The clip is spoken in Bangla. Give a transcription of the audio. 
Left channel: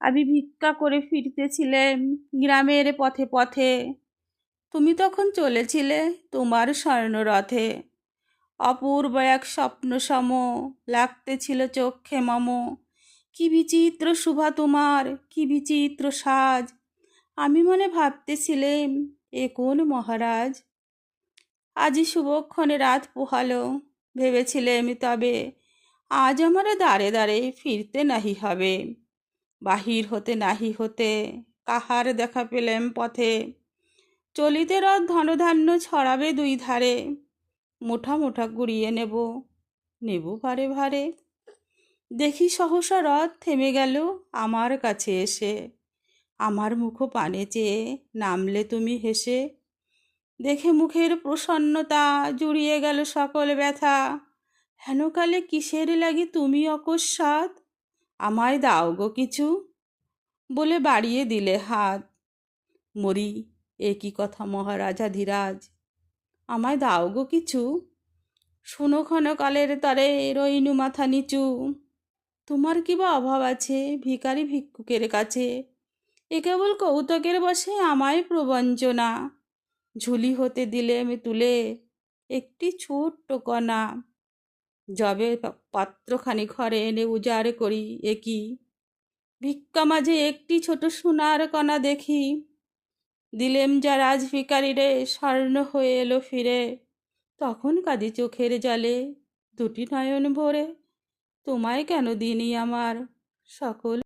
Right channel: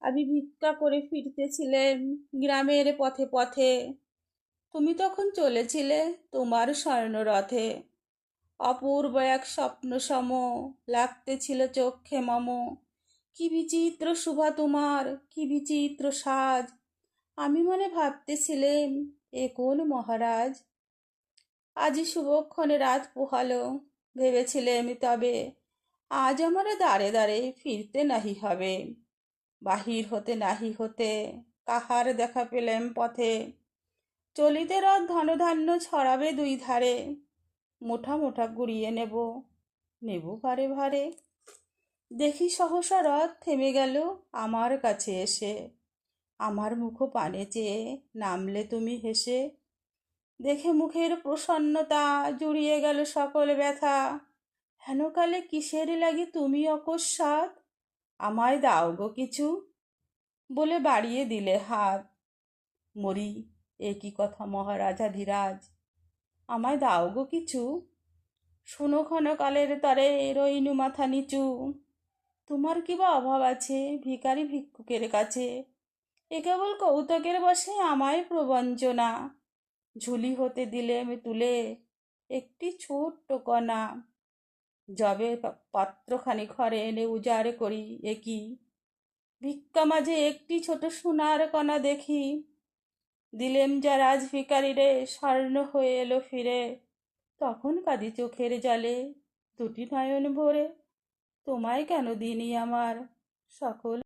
আমি ভিক্ষা করে ফিরতেছিলেম গ্রামের পথে পথে। তুমি তখন চলেছিলে তোমার স্বর্ণরথে। অপূর্ব এক স্বপ্ন সম লাগতেছিল চক্ষে মম। কি বিচিত্র শোভা তোমার, কি বিচিত্র সাজ। আমি মনে ভাবতেছিলেম এ কোন মহারাজ। আজি শুভক্ষণে রাত পোহালো, ভেবেছিলেম তবে আজ আমার দাঁড়ে দাঁড়ে ফিরতে নাহি হবে। বাহির হতে নাহি হতে কাহার দেখা পেলেম পথে। চলিতে রথ ধনধান্য ছড়াবে দুই ধারে। মুঠা মুঠা কুড়িয়ে নেব, নেব ভারে ভারে। দেখি সহসা রথ থেমে গেল আমার কাছে এসে। আমার মুখ পানে চেয়ে নামলে তুমি হেসে। দেখে মুখের প্রসন্নতা জুড়িয়ে গেল সকল ব্যথা। হেনকালে কিসের লাগি তুমি অকস্মাৎ আমায় দাও গো কিছু, বলে বাড়িয়ে দিলে হাত। মরি, এ কি কথা মহারাজাধিরাজ, আমায় দাও গো কিছু। শোনো ক্ষণকালের তরে রইনু মাথা নিচু। তোমার কি বা অভাব আছে ভিখারি ভিক্ষুকের কাছে। এ কেবল কৌতুকের বসে আমায় প্রবঞ্চনা। ঝুলি হতে দিলেম তুলে একটি ছোট্ট কণা। যবে পাত্রখানি ঘরে এনে উজাড় করি, এ কি ভিক্ষা মাঝে একটি ছোট সোনার কণা দেখি। দিলেম যা রাজ ভিখারি রে, স্বর্ণ হয়ে এলো ফিরে। তখন কাঁদি চোখের জলে দুটি নয়ন ভরে। তোমায় কেন দিনি আমার সকল